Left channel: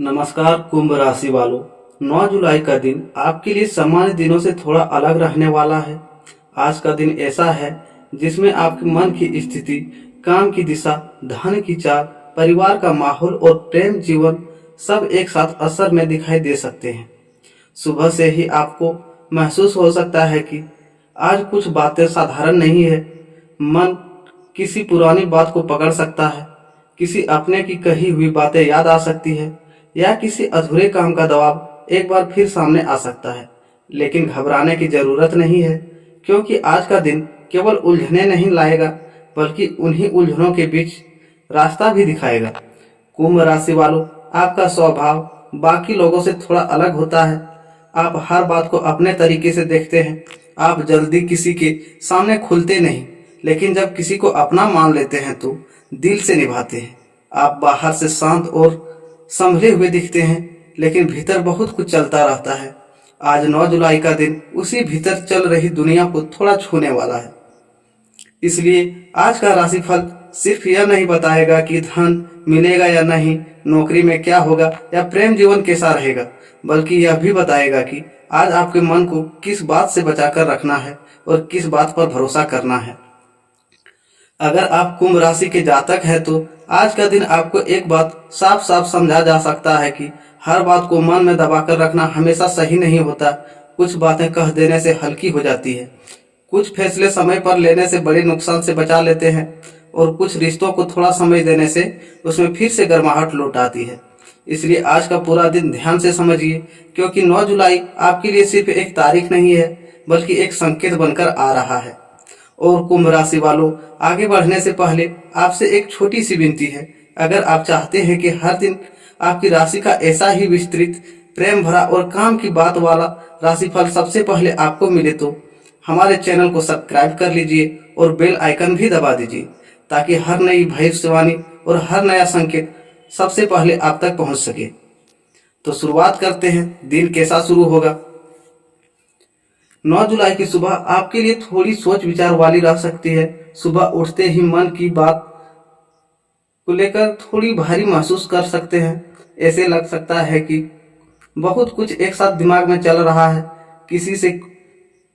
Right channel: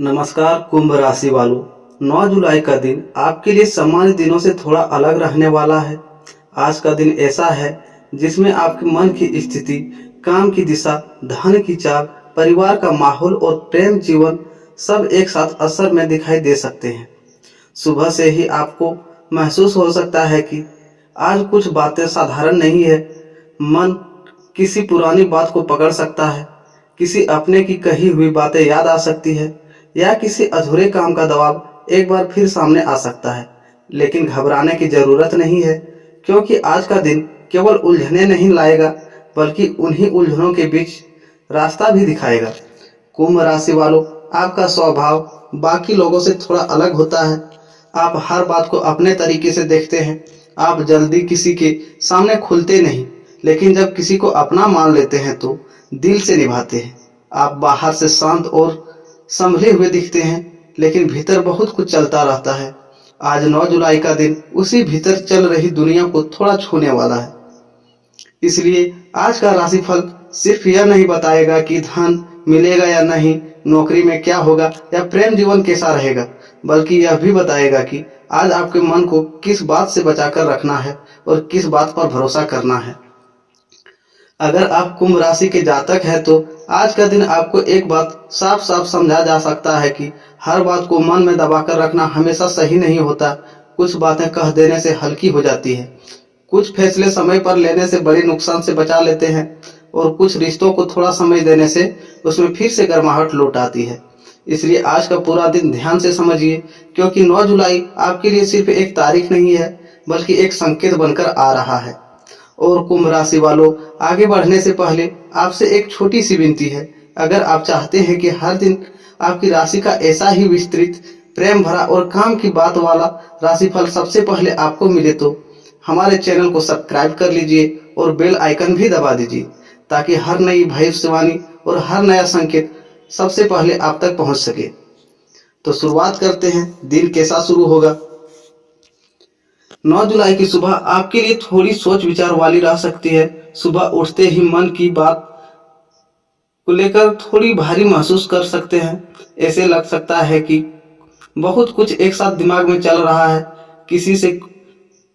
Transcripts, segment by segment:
नमस्कार कुंभ राशि वालों। 9 जुलाई का दिन आपके लिए सामान्य दिनों से थोड़ा अलग रहने वाला है। आज का दिन ऐसा है जिसमें आपके मन की स्थिति, काम की दिशा, धन की चाल, परिवार का माहौल और प्रेम जीवन सब एक साथ असर में दिखाई दे सकते हैं। सुबह से ही आपको महसूस हो सकता है कि आज कुछ बातें साधारण नहीं है। मन किसी पुरानी बात को पकड़ सकता है, किसी अपने की कही हुई बातें याद आ सकती है या किसी अधूरे काम का दबाव एक बार फिर सामने आ सकता है। लेकिन घबराने की ज़रूरत नहीं है, क्योंकि आज का दिन केवल उलझने नहीं लाएगा बल्कि उन्हीं उलझनों के बीच रास्ता भी दिखाएगा। कुंभ राशि वालों, आपका स्वभाव बाकी लोगों से थोड़ा अलग होता है। आप हर बात को अपने तरीके से देखते हैं। आप जल्दी किसी के सामने खुलते नहीं, लेकिन जब किसी को अपना मान लेते हैं तो दिल से निभाते हैं। आप बाहर से शांत और संभले हुए दिखते हैं, लेकिन भीतर बहुत कुछ चलता रहता है। आज 9 जुलाई का दिन उसी भीतर चल रही दुनिया को थोड़ा छूने वाला है। इसलिए आज का राशिफल सिर्फ यह नहीं बताएगा कि धन मिलेगा या नहीं, नौकरी में क्या होगा या प्रेम जीवन कैसा रहेगा, बल्कि यह भी बताएगा कि आज आपके मन को किस बात से बचाकर रखना है और किस बात पर भरोसा करना है। अगर आप कुंभ राशि के जातक हैं तो आज का दिन आपको एक बात साफ साफ समझा जा सकता है कि हर बात को मन में दबाकर रखना हमेशा सही नहीं होता। कुछ बातें कह देने से हल्की हो जाती है, कुछ फैसले समय पर लेने से बड़े नुकसान से बचा लेते हैं और कुछ रिश्तों को थोड़ा समय देने से उसमें फिर से गर्माहट लौट आती है। इसलिए आज का पूरा दिन ध्यान से समझिए, क्योंकि 9 जुलाई आपके लिए सिर्फ एक तारीख नहीं है बल्कि एक संकेत बनकर आ रहा है। और कुंभ राशि वालों, आगे बढ़ने से पहले आपसे एक छोटी सी विनती है। अगर आप चाहते हैं कि हर दिन आपकी राशि का ऐसा ही विस्तृत, प्रेम भरा और काम की बात वाला राशिफल सबसे पहले आपको मिले तो हमारे चैनल को सब्सक्राइब कर लीजिए और बेल आइकन भी दबा दीजिए, ताकि हर नई भविष्यवाणी और हर नया संकेत सबसे पहले आप तक पहुंच सके। तो शुरुआत करते हैं। दिन कैसा शुरू होगा। 9 जुलाई की सुबह आपके लिए थोड़ी सोच विचार वाली रह सकती है। सुबह उठते ही मन की बात को लेकर थोड़ी भारी महसूस कर सकते हैं। ऐसे लग सकता है कि बहुत कुछ एक साथ दिमाग में चल रहा है। किसी से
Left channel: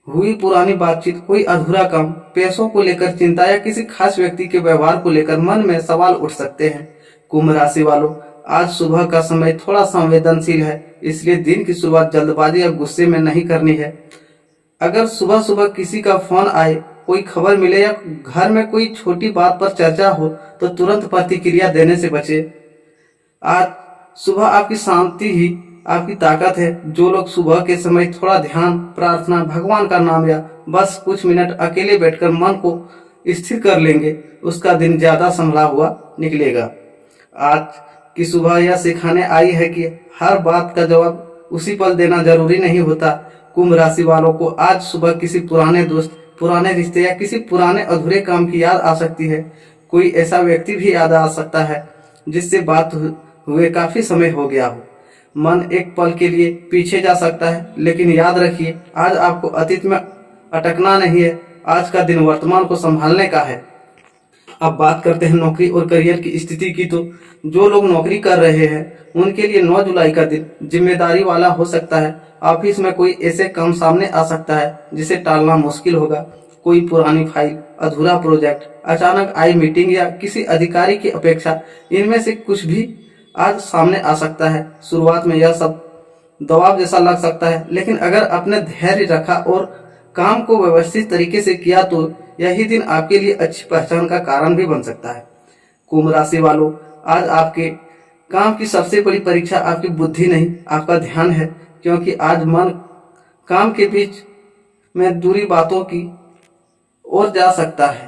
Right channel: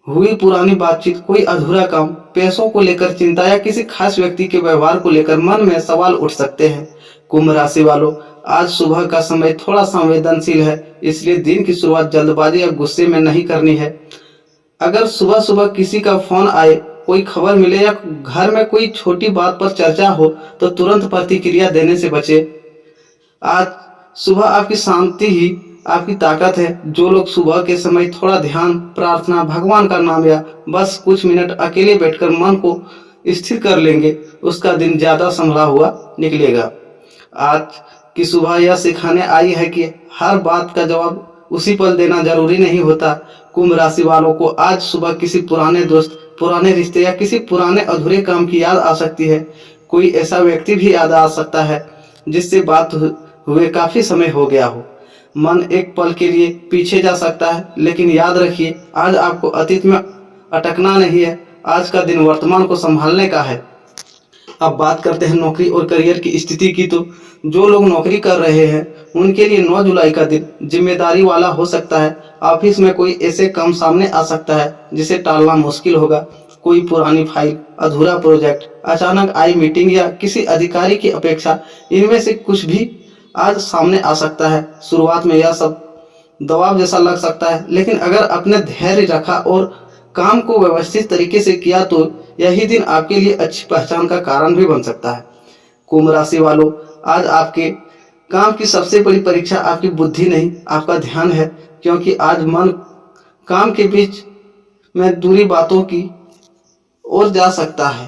हुई पुरानी बातचीत, कोई अधूरा काम, पैसों को लेकर चिंता या किसी खास व्यक्ति के व्यवहार को लेकर मन में सवाल उठ सकते हैं। कुंभ राशि वालों, आज सुबह का समय थोड़ा संवेदनशील है, इसलिए दिन की शुरुआत जल्दबाजी या गुस्से में नहीं करनी है। अगर सुबह सुबह किसी का फोन आए, कोई खबर मिले या घर में कोई छोटी बात पर चर्चा हो तो तुरंत प्रतिक्रिया देने से बचे। आज सुबह आपकी शांति ही आपकी ताकत है। जो लोग सुबह के समय थोड़ा ध्यान, प्रार्थना, भगवान का नाम या बस कुछ मिनट अकेले बैठकर मन को स्थिर कर लेंगे, उसका दिन ज्यादा संभला हुआ निकलेगा। आज की सुबह यह सिखाने आई है कि हर बात का जवाब उसी पल देना जरूरी नहीं होता। कुंभ राशि वालों को आज सुबह किसी पुराने दोस्त, पुराने रिश्ते या किसी पुराने अधूरे काम की याद आ सकती है। कोई ऐसा व्यक्ति भी याद आ सकता है जिससे बात हुए काफी समय हो गया हो। मन एक पल के लिए पीछे जा सकता है, लेकिन याद रखिए, आज आपको अतीत में अटकना नहीं है। आज का दिन वर्तमान को संभालने का है। अब बात करते हैं नौकरी और करियर की स्थिति की। तो जो लोग नौकरी कर रहे हैं उनके लिए 9 जुलाई का दिन जिम्मेदारी वाला हो सकता है। ऑफिस में कोई ऐसे काम सामने आ सकता है जिसे टालना मुश्किल होगा। कोई पुरानी फाइल, अधूरा प्रोजेक्ट, अचानक आई मीटिंग या किसी अधिकारी की अपेक्षा, इनमें से कुछ भी आज सामने आ सकता है। शुरुआत में यह सब दबाव जैसा लग सकता है, लेकिन अगर आपने धैर्य रखा और काम को व्यवस्थित तरीके से किया तो यही दिन आपके लिए अच्छी पहचान का कारण भी बन सकता है। कुंभ राशि वालों, आज आपके काम की सबसे बड़ी परीक्षा आपकी बुद्धि नहीं, आपका ध्यान है, क्योंकि आज मन काम के बीच में दूरी बातों की ओर जा सकता है।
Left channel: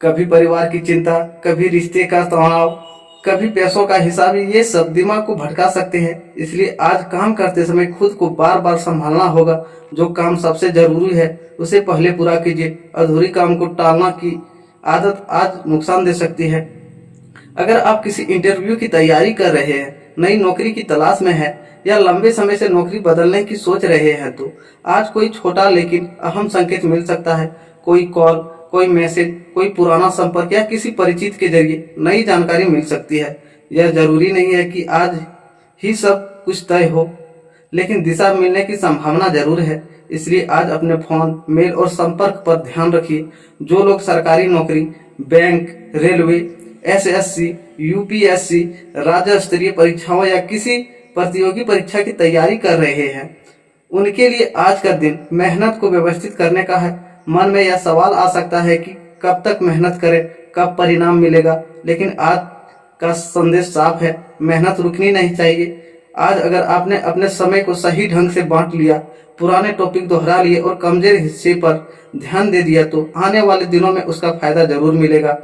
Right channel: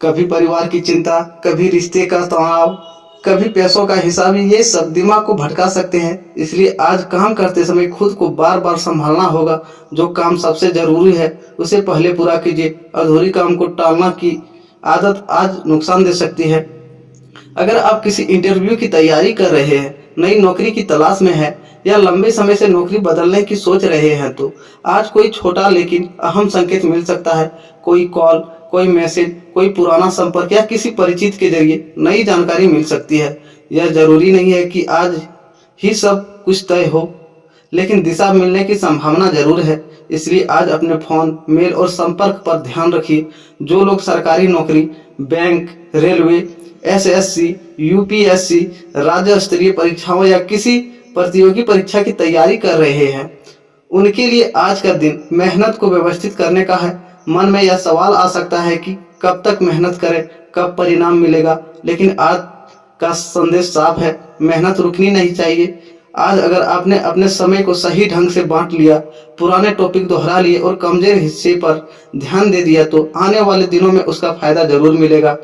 कभी परिवार की चिंता, कभी रिश्ते का तनाव, कभी पैसों का हिसाब, ये सब दिमाग को भटका सकते हैं। इसलिए आज काम करते समय खुद को बार बार संभालना होगा। जो काम सबसे जरूरी है उसे पहले पूरा कीजिए। अधूरी काम को टालना की आदत आज नुकसान दे सकती है। अगर आप किसी इंटरव्यू की तैयारी कर रहे हैं, नई नौकरी की तलाश में हैं या लंबे समय से नौकरी बदलने की सोच रहे हैं तो आज कोई छोटा लेकिन अहम संकेत मिल सकता है। कोई कॉल, कोई मैसेज, कोई पुराना संपर्क या किसी परिचित के जरिए नई जानकारी मिल सकती है। यह जरूरी नहीं है कि आज ही सब कुछ तय हो, लेकिन दिशा मिलने की संभावना जरूर है। इसलिए आज अपने फोन, मेल और संपर्क पर ध्यान रखिए। जो लोग सरकारी नौकरी, बैंक, रेलवे, एसएससी, यूपीएससी, राज्य स्तरीय परीक्षाओं या किसी प्रतियोगी परीक्षा की तैयारी कर रहे हैं, उनके लिए आज का दिन मेहनत को व्यवस्थित करने का है। मन में यह सवाल आ सकता है कि कब तक मेहनत करें, कब परिणाम मिलेगा, लेकिन आज का संदेश साफ है, मेहनत रुकनी नहीं चाहिए। आज अगर आपने अपने समय को सही ढंग से बांट लिया, पुराने टॉपिक दोहरा लिए और कमजोर हिस्से पर ध्यान दे दिया, तो आने वाले दिनों में उसका फायदा जरूर मिलेगा।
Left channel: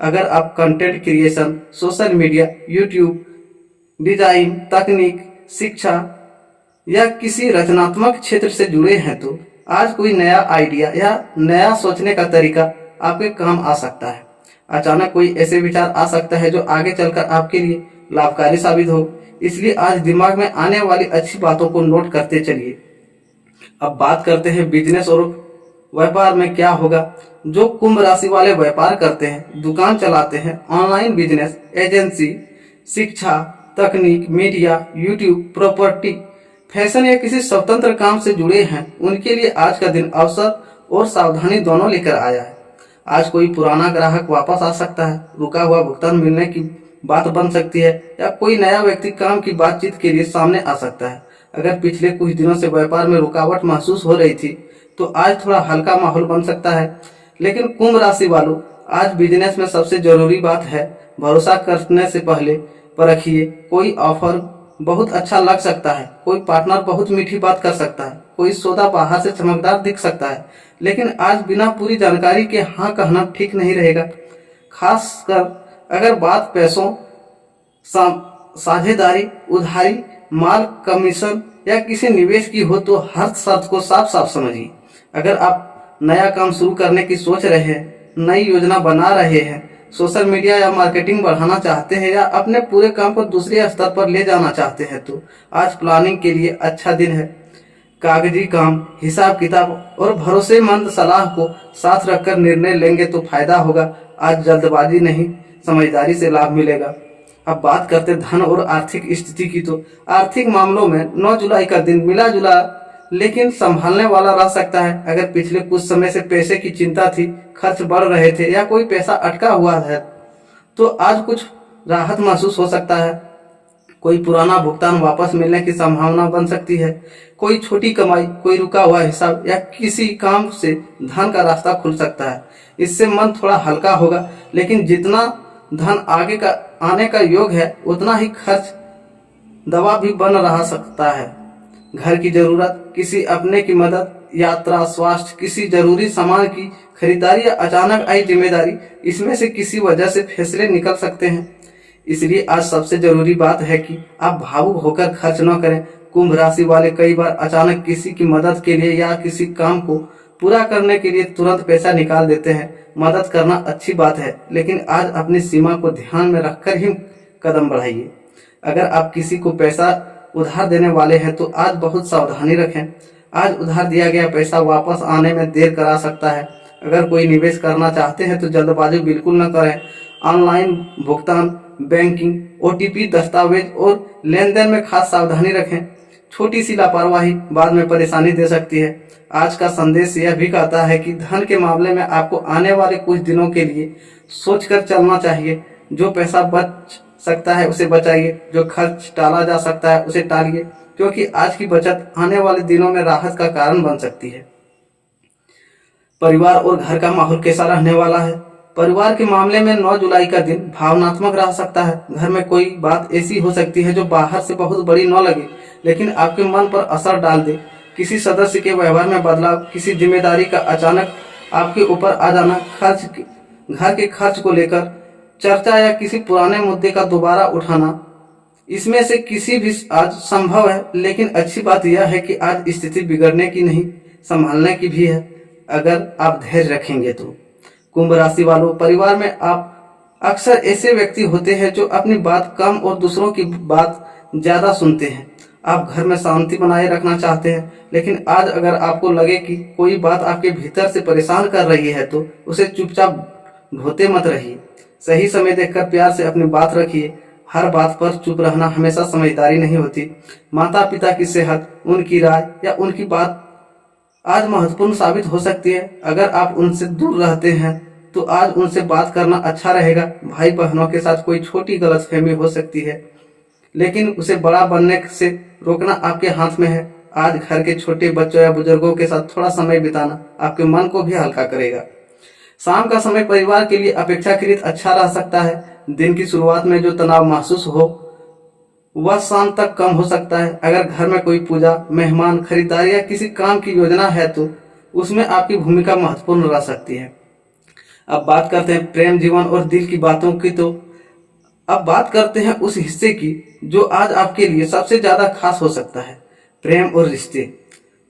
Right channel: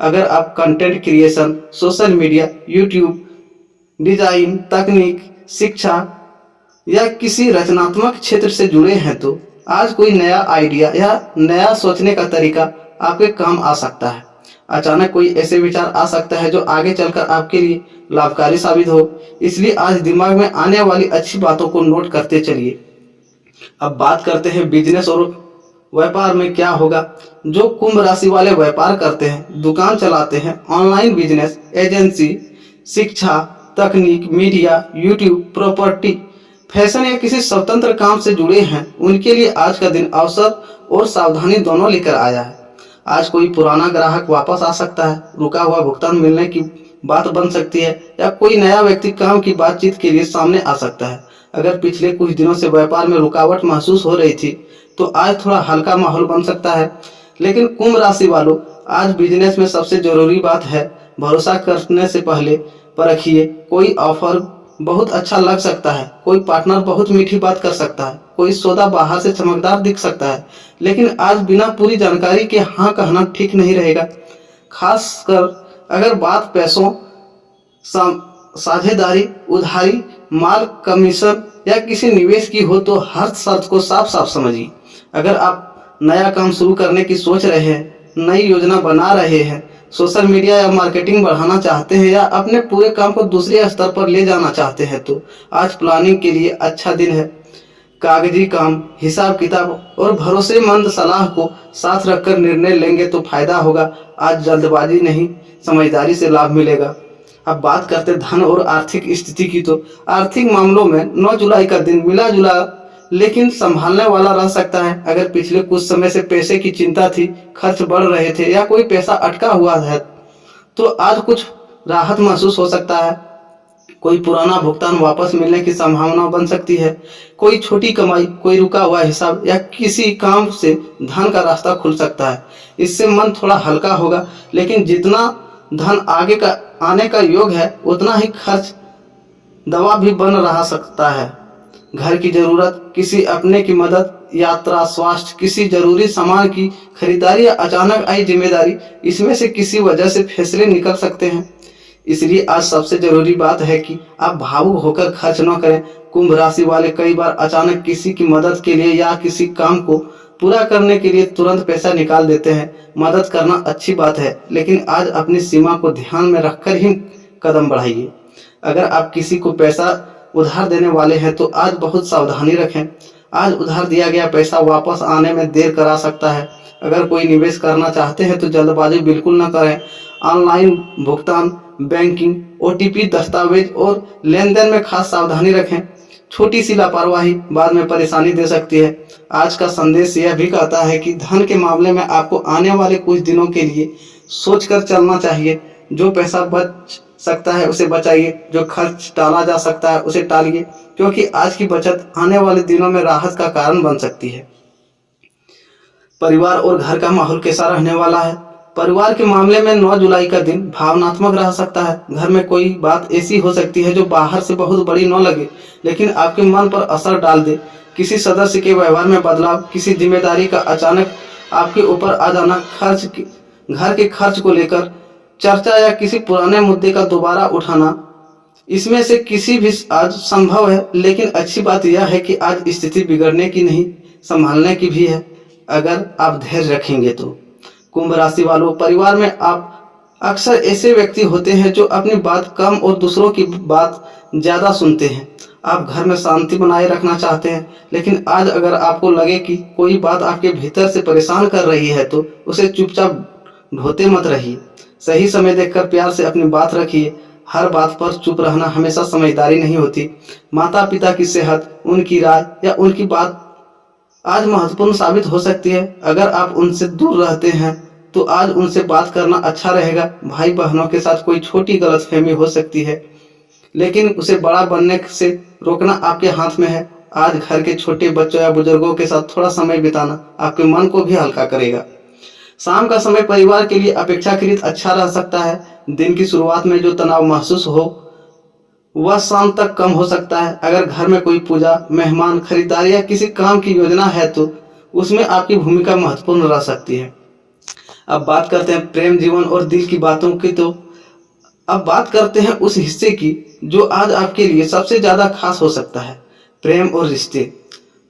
अगर आप content creation, social media, YouTube, design, तकनीक, शिक्षा या किसी रचनात्मक क्षेत्र से जुड़े हैं, तो आज कोई नया आइडिया या नया सोचने का तरीका आपके काम आ सकता है। अचानक कोई ऐसे विचार आ सकता है जो आगे चलकर आपके लिए लाभकारी साबित हो। इसलिए आज दिमाग में आने वाली अच्छी बातों को नोट करते चलिए। अब बात करते हैं बिजनेस और व्यापार में क्या होगा। जो कुंभ राशि वाले व्यापार करते हैं, दुकान चलाते हैं, ऑनलाइन बिजनेस, एजेंसी, शिक्षा, तकनीक, मीडिया, यूट्यूब, प्रॉपर्टी, फैशन या किसी स्वतंत्र काम से जुड़े हैं, उनके लिए आज का दिन अवसर और सावधानी दोनों लेकर आया है। आज कोई पुराना ग्राहक वापस आ सकता है, रुका हुआ भुगतान मिलने की बात बन सकती है या कोई नया व्यक्ति काम की बातचीत के लिए सामने आ सकता है। अगर पिछले कुछ दिनों से व्यापार में रुकावट महसूस हो रही थी, तो आज थोड़ा हल्का माहौल बन सकता है। लेकिन कुंभ राशि वालों, आज बिजनेस में सबसे जरूरी बात है, भरोसा करने से पहले परखिए। कोई ऑफर बहुत अच्छा लग सकता है, कोई पार्टनर बहुत मीठी बात कर सकता है, कोई सौदा बाहर से चमकदार दिख सकता है, लेकिन आज बिना पूरी जानकारी के हाँ कहना ठीक नहीं रहेगा। खासकर अगर बात पैसों, साझेदारी, उधारी, माल, कमीशन या किसी निवेश की हो, तो हर शर्त को साफ साफ समझिए। अगर आप नया काम शुरू करने की सोच रहे हैं, नई योजना बना रहे हैं, सोशल मीडिया या मार्केटिंग बढ़ाना चाहते हैं या अपने पूरे काम को दूसरे स्तर पर ले जाना चाहते हैं, तो आज प्लानिंग के लिए अच्छा दिन है। कागजी काम, हिसाब किताब और भरोसेमंद सलाह को साथ रखकर निर्णय लेंगे तो फायदा होगा। आज जल्दबाजी नहीं, समझदारी से लाभ मिलेगा। अब बात करते धन और आर्थिक स्थिति की, तो आर्थिक मामलों में 9 जुलाई का दिन मिला जुला लेकिन संभालने वाला रह सकता है। अगर पिछले कुछ समय से पैसे की चिंता थी, खर्च बढ़ रहे थे या कोई पैसा अटका हुआ है, तो आज कुछ राहत महसूस हो सकता है। कोई पुराना भुगतान वापस मिलने की संभावना बन सकती है। कोई छोटी कमाई, कोई रुका हुआ हिसाब या किसी काम से धन का रास्ता खुल सकता है। इससे मन थोड़ा हल्का होगा, लेकिन जितना धन आगे का आने का योग है, उतना ही खर्च दबाव भी बन रहा सकता है। घर की जरूरत, किसी अपने की मदद, यात्रा, स्वास्थ्य, किसी जरूरी सामान की खरीदारी या अचानक आई जिम्मेदारी, इसमें से किसी वजह से फैसले निकल सकते हैं। इसलिए आज सबसे जरूरी बात है कि आप भावुक होकर खर्च न करें। कुंभ राशि वाले कई बार अचानक किसी की मदद के लिए या किसी काम को पूरा करने के लिए तुरंत पैसा निकाल देते हैं। मदद करना अच्छी बात है, लेकिन आज अपनी सीमा को ध्यान में रखकर ही कदम बढ़ाइए। अगर आप किसी को पैसा उधार देने वाले हैं, तो आज बहुत सावधानी रखें। आज उधार दिया गया पैसा वापस आने में देर करा सकता है। अगर कोई निवेश करना चाहते हैं, तो जल्दबाजी बिल्कुल न करें। ऑनलाइन भुगतान, बैंकिंग, ओटीपी, दस्तावेज और लेन देन में खास सावधानी रखें। छोटी सी लापरवाही बाद में परेशानी दे सकती है। आज का संदेश यह भी कहता है कि धन के मामले में आपको आने वाले कुछ दिनों के लिए सोचकर चलना चाहिए। जो पैसा बच सकता है उसे बचाइए, जो खर्च टाला जा सकता है उसे टालिए, क्योंकि आज की बचत आने वाले दिनों में राहत का कारण बन सकती है। परिवार और घर का माहौल कैसा रहने वाला है? परिवार के मामले में 9 जुलाई का दिन भावनात्मक रह सकता है। घर में कोई बात ऐसी हो सकती है जो बाहर से बहुत बड़ी न लगे, लेकिन आपके मन पर असर डाल दे। किसी सदस्य के व्यवहार में बदलाव, किसी जिम्मेदारी का अचानक आपके ऊपर आ जाना, घर के खर्च को लेकर चर्चा या किसी पुराने मुद्दे का दोबारा उठाना, इसमें से किसी भी आज संभव है। लेकिन अच्छी बात यह है कि आज स्थिति बिगड़ने की नहीं, संभालने की भी है, अगर आप धैर्य रखेंगे तो। कुंभ राशि वालों, परिवार में आप अक्सर ऐसे व्यक्ति होते हैं जो अपनी बात कम और दूसरों की बात ज्यादा सुनते हैं। आप घर में शांति बनाए रखना चाहते हैं, लेकिन आज अगर आपको लगे कि कोई बात आपके भीतर से परेशान कर रही है, तो उसे चुपचाप ढोते मत रहिए। सही समय देखकर प्यार से अपनी बात रखिए। हर बात पर चुप रहना हमेशा समझदारी नहीं होती। माता पिता की सेहत, उनकी राय या उनकी बात आज महत्वपूर्ण साबित हो सकती है। अगर आप उनसे दूर रहते हैं तो आज उनसे बात करना अच्छा रहेगा। भाई बहनों के साथ कोई छोटी गलतफहमी हो सकती है, लेकिन उसे बड़ा बनने से रोकना आपके हाथ में है। आज घर के छोटे बच्चों या बुजुर्गों के साथ थोड़ा समय बिताना आपके मन को भी हल्का करेगा। शाम का समय परिवार के लिए अपेक्षाकृत अच्छा रह सकता है। दिन की शुरुआत में जो तनाव महसूस हो वह शाम तक कम हो सकता है। अगर घर में कोई पूजा, मेहमान, खरीदारी या किसी काम की योजना है तो उसमें आपकी भूमिका महत्वपूर्ण रह सकती है। अब बात करते हैं प्रेम जीवन और दिल की बातों की। तो अब बात करते हैं उस हिस्से की जो आज आपके लिए सबसे ज्यादा खास हो सकता है, प्रेम और रिश्ते।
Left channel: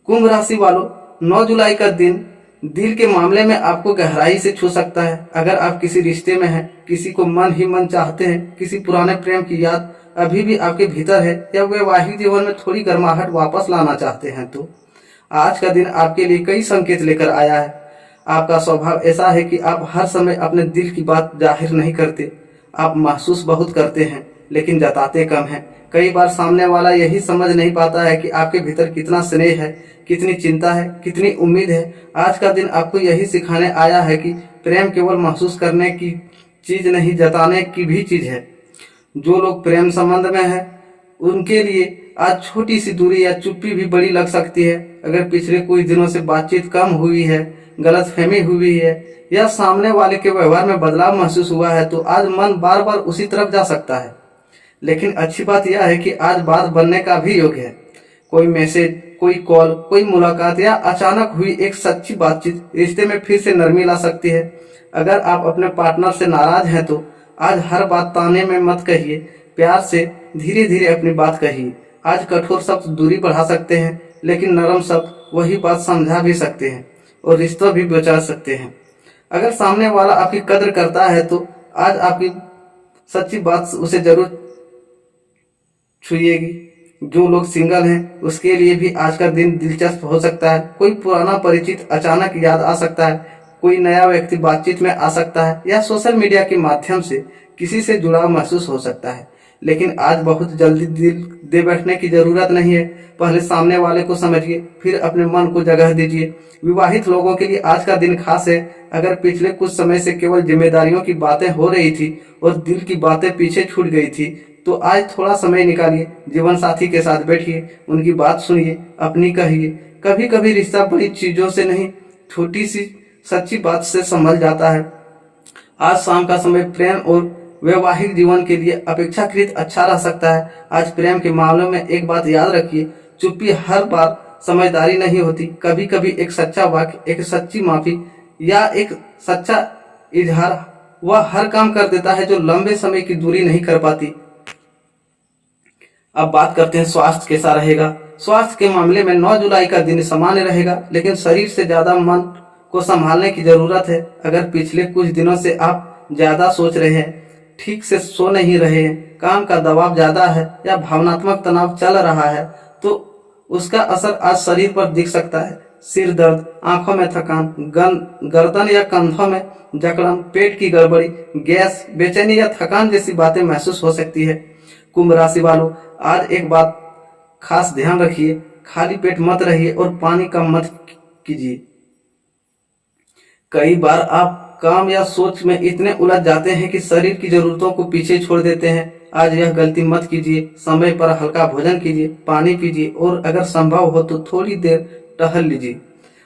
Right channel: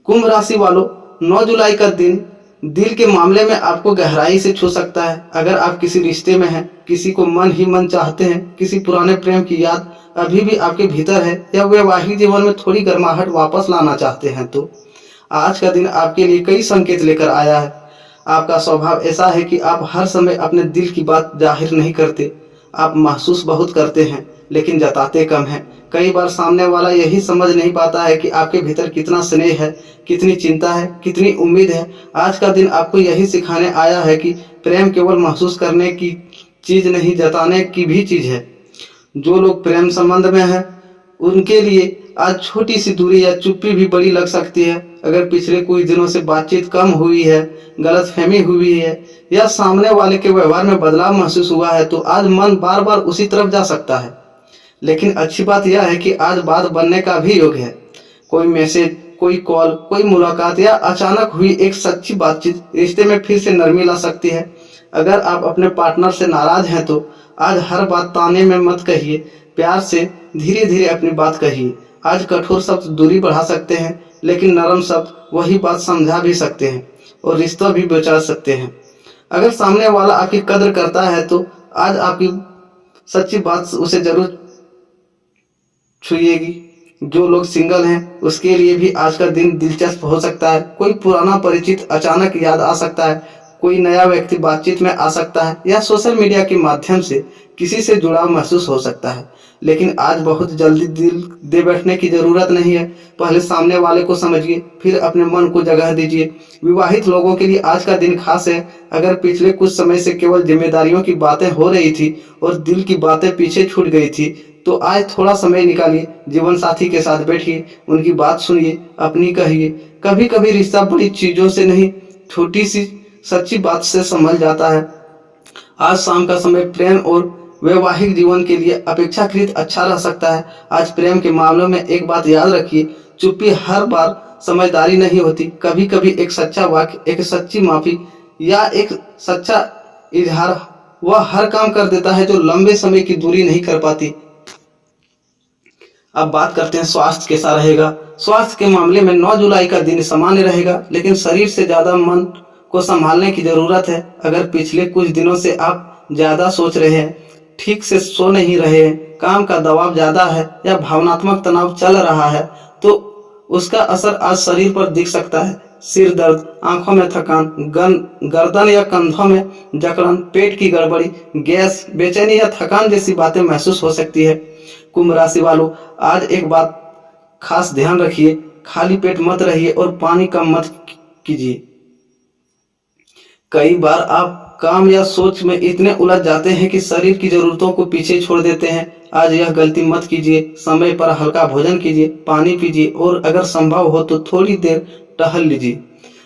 कुंभ राशि वालों, 9 जुलाई का दिन दिल के मामले में आपको गहराई से छू सकता है। अगर आप किसी रिश्ते में हैं, किसी को मन ही मन चाहते हैं, किसी पुराने प्रेम की याद अभी भी आपके भीतर है या वैवाहिक जीवन में थोड़ी गर्माहट वापस लाना चाहते हैं, तो आज का दिन आपके लिए कई संकेत लेकर आया है। आपका स्वभाव ऐसा है कि आप हर समय अपने दिल की बात जाहिर नहीं करते। आप महसूस बहुत करते हैं लेकिन जताते कम हैं। कई बार सामने वाला यही समझ नहीं पाता है कि आपके भीतर कितना स्नेह है, कितनी चिंता है, कितनी उम्मीद है। आज का दिन आपको यही सिखाने आया है कि प्रेम केवल महसूस करने की चीज नहीं, जताने की भी चीज है। जो लोग प्रेम संबंध में हैं उनके लिए आज छोटी सी दूरी या चुप्पी भी बड़ी लग सकती है। अगर पिछले कुछ दिनों से बातचीत कम हुई है, गलतफहमी हुई है या सामने वाले के व्यवहार में बदलाव महसूस हुआ है तो आज मन बार बार उसी तरफ जा सकता है। लेकिन अच्छी बात यह है कि आज बात बनने का भी योग है। कोई मैसेज, कोई कॉल, कोई मुलाकात या अचानक हुई एक सच्ची बातचीत रिश्ते में फिर से नरमी ला सकती है। अगर आप अपने पार्टनर से नाराज हैं तो आज हर बात ताने में मत कहिए, प्यार से धीरे धीरे अपनी बात कहिए। आज कठोर शब्द दूरी बढ़ा सकते हैं लेकिन नरम शब्द वही बात समझा भी सकते हैं और रिश्ता भी बचा सकते हैं। अगर सामने वाला आपकी कद्र करता है तो आज आपकी सच्ची बात उसे जरूर छुएगी। जो लोग सिंगल हैं उसके लिए भी आज का दिन दिलचस्प हो सकता है। कोई पुराना परिचित अचानक याद आ सकता है, कोई नया व्यक्ति बातचीत में आ सकता है या सोशल मीडिया के माध्यम से किसी से जुड़ाव महसूस हो सकता है। लेकिन आज बहुत जल्दी दिल दे बैठने की जरूरत नहीं है। पहले सामने वाले को समझिए, फिर अपने मन को जगह दीजिए। विवाहित लोगों के लिए आज का दिन खास है। अगर पिछले कुछ समय से केवल जिम्मेदारियों की बातें हो रही थी और दिल की बातें पीछे छूट गई थी तो आज थोड़ा समय निकालिए, जीवन साथी के साथ बैठिए, उनकी बात सुनिए, अपनी कहिए। कभी कभी रिश्ता बड़ी चीजों से नहीं, छोटी सी सच्ची बात से संभल जाता है। आज शाम का समय प्रेम और वैवाहिक जीवन के लिए अपेक्षाकृत अच्छा रह सकता है। आज प्रेम के मामलों में एक बात याद रखिए, चुप्पी हर बार समझदारी नहीं होती। कभी कभी एक सच्चा वाक्य, एक सच्ची माफी या एक सच्चा इजहार वह हर काम कर देता है जो लंबे समय की दूरी नहीं कर पाती। अब बात करते हैं स्वास्थ्य कैसा रहेगा। स्वास्थ्य के मामले में 9 जुलाई का दिन सामान्य रहेगा लेकिन शरीर से ज्यादा मन को संभालने की जरूरत है। अगर पिछले कुछ दिनों से आप ज्यादा सोच रहे हैं, ठीक से सो नहीं रहे हैं, काम का दबाव ज्यादा है या भावनात्मक तनाव चल रहा है तो उसका असर आज शरीर पर दिख सकता है। सिर दर्द, आंखों में थकान, गर्दन या कंधों में जकड़न, पेट की गड़बड़ी, गैस, बेचैनी या थकान जैसी बातें महसूस हो सकती है। कुंभ राशि वालों, आज एक बात खास ध्यान रखिए, खाली पेट मत रहिए और पानी कम मत कीजिए। कई बार आप काम या सोच में इतने उलझ जाते हैं कि शरीर की जरूरतों को पीछे छोड़ देते हैं। आज यह गलती मत कीजिए। समय पर हल्का भोजन कीजिए, पानी पीजिए और अगर संभव हो तो थोड़ी देर टहल लीजिए।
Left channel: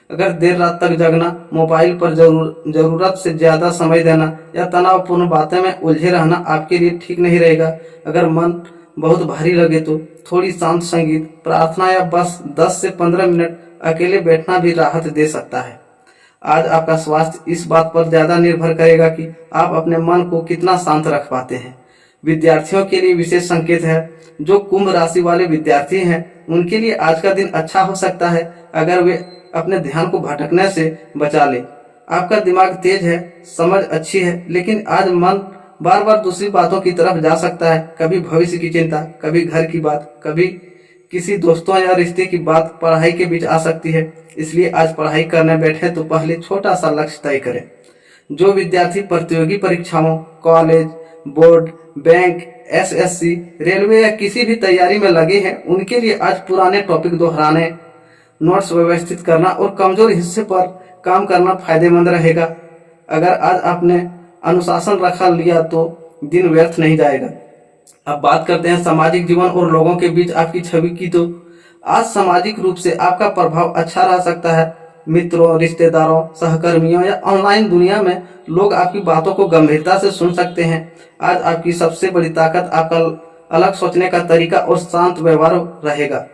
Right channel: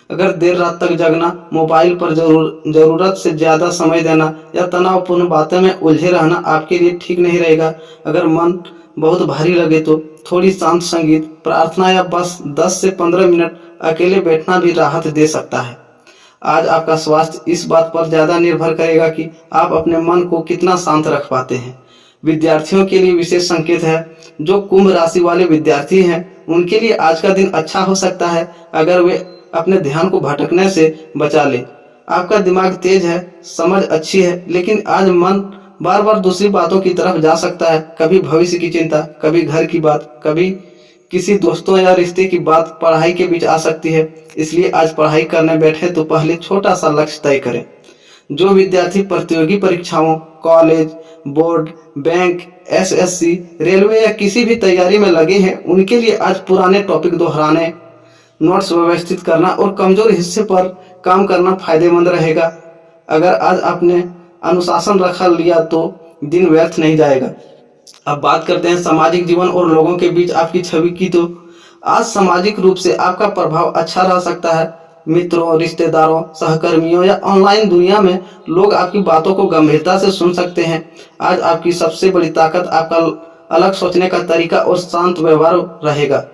अगर देर रात तक जगना, मोबाइल पर जरूरत से ज्यादा समय देना या तनावपूर्ण बातें में उलझे रहना आपके लिए ठीक नहीं रहेगा। अगर मन बहुत भारी लगे तो थोड़ी शांत संगीत, प्रार्थना या बस 10 से 15 मिनट अकेले बैठना भी राहत दे सकता है। आज आपका स्वास्थ्य इस बात पर ज्यादा निर्भर करेगा कि आप अपने मन को कितना शांत रख पाते हैं। विद्यार्थियों के लिए विशेष संकेत है। जो कुंभ राशि वाले विद्यार्थी हैं उनके लिए आज का दिन अच्छा हो सकता है अगर वे अपने ध्यान को भटकने से बचा ले। आपका दिमाग तेज है, समझ अच्छी है, लेकिन आज मन बार बार दूसरी बातों की तरफ जा सकता है। कभी भविष्य की चिंता, कभी घर की बात, कभी किसी दोस्तों या रिश्ते की बात पढ़ाई के बीच आ सकती है। इसलिए आज पढ़ाई करने बैठे तो पहले छोटा सा लक्ष्य तय करें। जो विद्यार्थी प्रतियोगी परीक्षाओं, college, board, bank, SSC, railway या किसी भी तैयारी में लगे हैं उनके लिए आज पुराने टॉपिक दोहराने, नोट्स व्यवस्थित करना और कमजोर हिस्से पर काम करना फायदेमंद रहेगा। अगर आज आपने अनुशासन रखा लिया तो दिन व्यर्थ नहीं जाएगा। अब बात करते हैं सामाजिक जीवन और लोगों के बीच आपकी छवि की। तो आज सामाजिक रूप से आपका प्रभाव अच्छा रह सकता है। मित्रों, रिश्तेदारों, सहकर्मियों या ऑनलाइन दुनिया में लोग आपकी बातों को गंभीरता से सुन सकते हैं। आज आपकी सबसे बड़ी ताकत आपका अलग सोचने का तरीका और शांत व्यवहार रहेगा।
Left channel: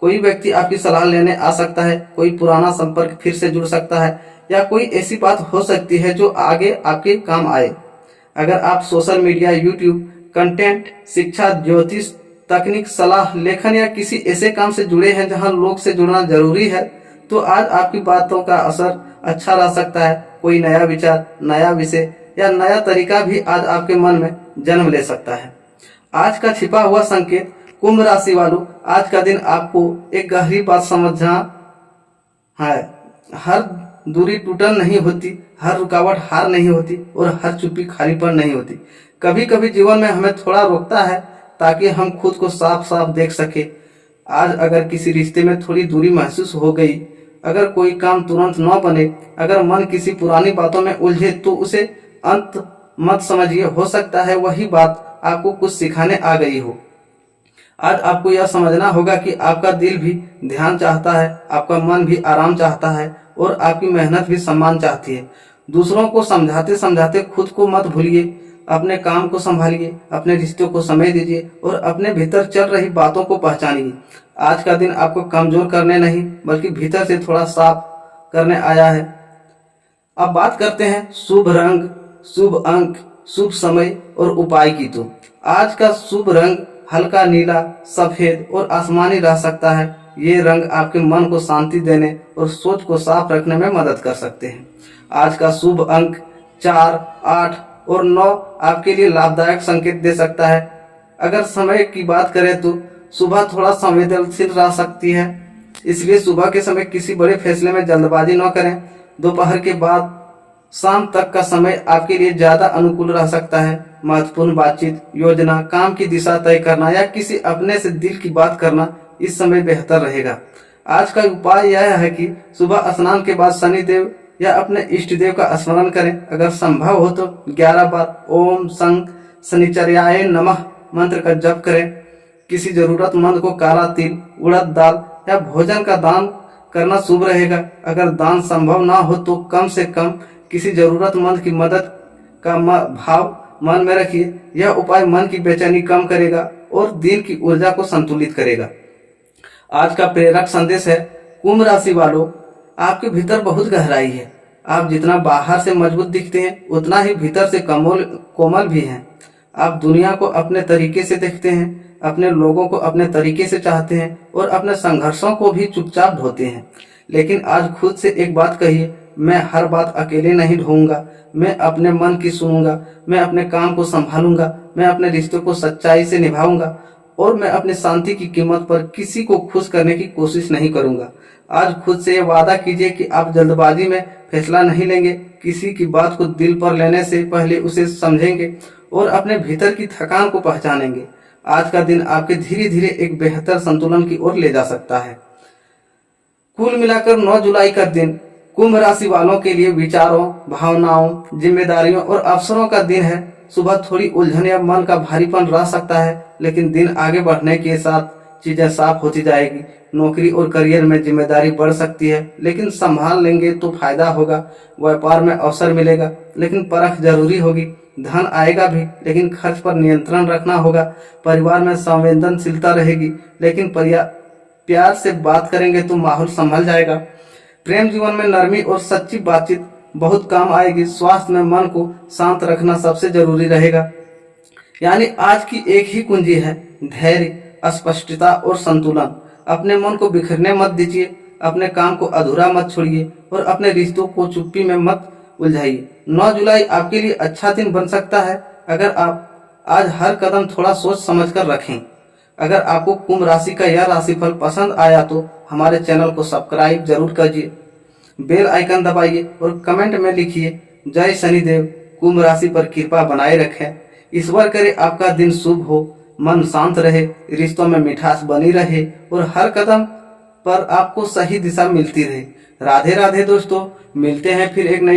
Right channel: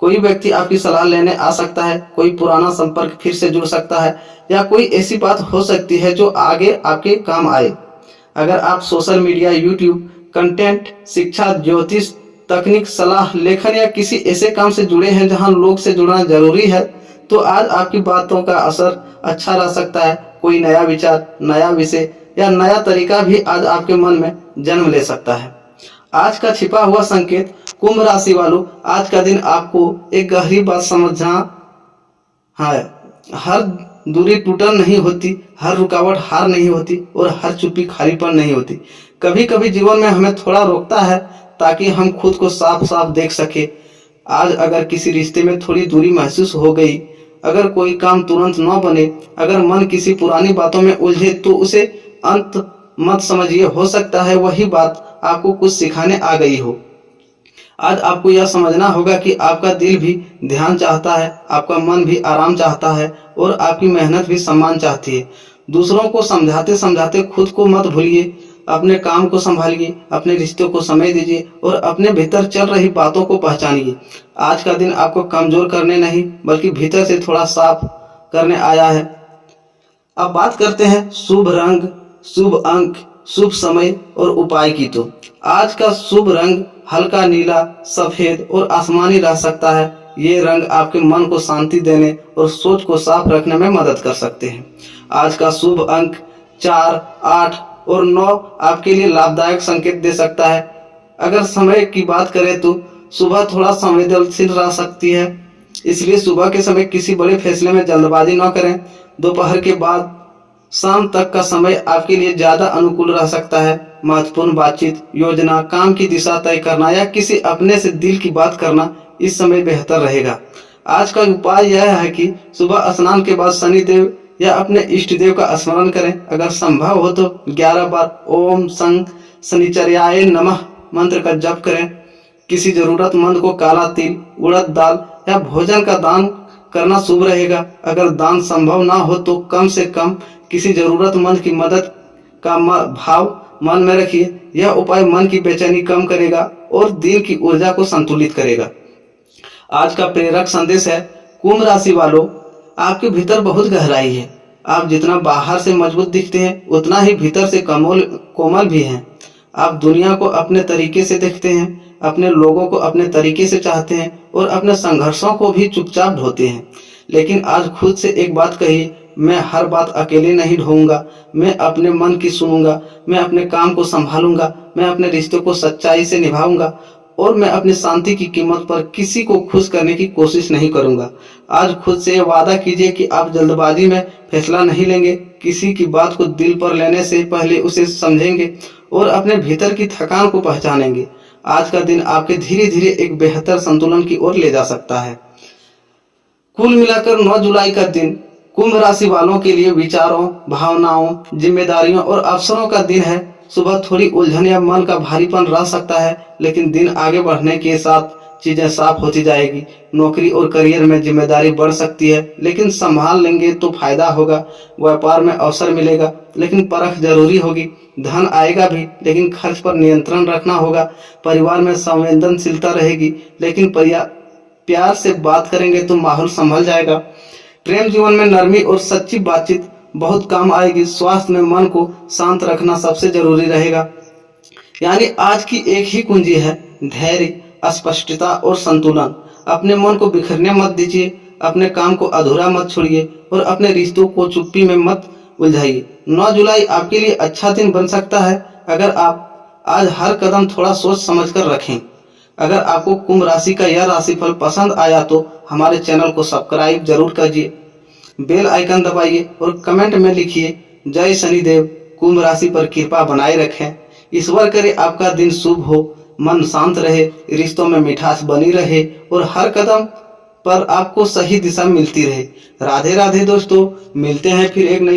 कोई व्यक्ति आपकी सलाह लेने आ सकता है, कोई पुराना संपर्क फिर से जुड़ सकता है या कोई ऐसी बात हो सकती है जो आगे आपके काम आए। अगर आप सोशल मीडिया, यूट्यूब कंटेंट, शिक्षा, ज्योतिष, तकनीक, सलाह, लेखन या किसी ऐसे काम से जुड़े हैं जहां लोग से जुड़ना जरूरी है, तो आज आपकी बातों का असर अच्छा रह सकता है। कोई नया विचार, नया विषय या नया तरीका भी आज आपके मन में जन्म ले सकता है। आज का छिपा हुआ संकेत। कुंभ राशि वालों, आज का दिन आपको एक गहरी बात समझना है। हर दूरी टूटन नहीं होती, हर रुकावट हार नहीं होती और हर चुप्पी खालीपन नहीं होती। कभी कभी जीवन में हमें थोड़ा रोकता है ताकि हम खुद को साफ साफ देख सके। आज अगर किसी रिश्ते में थोड़ी दूरी महसूस हो गई, अगर कोई काम तुरंत न बने, अगर मन किसी पुरानी बातों में उलझे, तो उसे अंत मत समझिए। हो सकता है वही बात आपको कुछ सिखाने आ गई हो। आज आपको यह समझना होगा कि आपका दिल भी ध्यान चाहता है, आपका मन भी आराम चाहता है और आपकी मेहनत भी सम्मान चाहती है। दूसरों को समझाते समझाते खुद को मत भूलिए। अपने काम को संभालिए, अपने रिश्तों को समय दीजिए और अपने भीतर चल रही बातों को पहचानिए। आज का दिन आपको कमजोर करने नहीं बल्कि भीतर से थोड़ा साफ करने आया है। अब बात करते हैं शुभ रंग, शुभ अंक, शुभ समय और उपाय की। तो आज का शुभ रंग हल्का नीला, सफेद और आसमानी रह सकता है। ये रंग आपके मन को शांति देने और सोच को साफ रखने में मदद कर सकते हैं। आज का शुभ अंक 4, 8 और 9 आपके लिए लाभदायक संकेत दे सकता है। अगर समय की बात करें तो सुबह थोड़ा संवेदनशील रह सकती है, इसलिए सुबह के समय किसी बड़े फैसले में जल्दबाजी न करें। दोपहर के बाद शाम तक का समय आपके लिए ज्यादा अनुकूल रह सकता है। महत्वपूर्ण बातचीत, योजना, काम की दिशा तय करना या किसी अपने से दिल की बात करना इस समय बेहतर रहेगा। आज का उपाय यह है कि सुबह स्नान के बाद शनिदेव या अपने इष्ट देव का स्मरण करें। अगर संभव हो तो 11 बार ओम सं शनिचर्याय नमः मंत्र का जप करें। किसी जरूरतमंद को काला तिल, उड़द दाल या भोजन का दान करना शुभ रहेगा। अगर दान संभव ना हो तो कम से कम किसी जरूरतमंद की मदद का भाव मन में रखिए। यह उपाय मन की बेचैनी कम करेगा और दिन की ऊर्जा को संतुलित करेगा। आज का प्रेरक संदेश है, कुंभ राशि वालों, आपके भीतर बहुत गहराई है। आप जितना बाहर से मजबूत दिखते हैं उतना ही भीतर से कोमल भी हैं। आप दुनिया को अपने तरीके से देखते हैं, अपने लोगों को अपने तरीके से चाहते हैं और अपने संघर्षों को भी चुपचाप ढोते हैं। लेकिन आज खुद से एक बात कहिए, मैं हर बात अकेले नहीं ढोऊंगा। मैं अपने मन की सुनूंगा, मैं अपने काम को संभालूंगा, मैं अपने रिश्तों को सच्चाई से निभाऊंगा और मैं अपनी शांति की कीमत पर किसी को खुश करने की कोशिश नहीं करूंगा। आज खुद से वादा कीजिए कि आप जल्दबाजी में फैसला नहीं लेंगे। किसी की बात को दिल पर लेने से पहले उसे समझेंगे और अपने भीतर की थकान को पहचानेंगे। आज का दिन आपके धीरे धीरे एक बेहतर संतुलन की ओर ले जा सकता है। कुल मिलाकर 9 जुलाई का दिन कुंभ राशि वालों के लिए विचारों, भावनाओं, जिम्मेदारियों और अवसरों का दिन है। सुबह थोड़ी उलझन या मन का भारीपन रह सकता है, लेकिन दिन आगे बढ़ने के साथ चीजें साफ होती जाएगी। नौकरी और करियर में जिम्मेदारी बढ़ सकती है, लेकिन संभाल लेंगे तो फायदा होगा। व्यापार में अवसर मिलेगा, लेकिन परख जरूरी होगी। धन आएगा भी, लेकिन खर्च पर नियंत्रण रखना होगा। परिवार में संवेदनशीलता रहेगी, लेकिन प्यार से बात करेंगे तो माहौल संभल जाएगा। प्रेम जीवन में नरमी और सच्ची बातचीत बहुत काम आएगी। स्वास्थ्य में मन को शांत रखना सबसे जरूरी रहेगा। यानी आज की एक ही कुंजी है, धैर्य, स्पष्टता और संतुलन। अपने मन को बिखरने मत दीजिए, अपने काम को अधूरा मत छोड़िए और अपने रिश्तों को चुप्पी में मत उलझाइए। 9 जुलाई आपके लिए अच्छा दिन बन सकता है अगर आप आज हर कदम थोड़ा सोच समझकर रखें। अगर आपको कुंभ राशि का यह राशिफल पसंद आया तो हमारे चैनल को सब्सक्राइब जरूर कीजिए, बेल आइकन दबाइए और कमेंट में लिखिए, जय शनिदेव कुंभ राशि पर कृपा बनाए रखें। ईश्वर करे आपका दिन शुभ हो, मन शांत रहे, रिश्तों में मिठास बनी रहे और हर कदम पर आपको सही दिशा मिलती रहे। राधे राधे दोस्तों, मिलते हैं फिर एक नई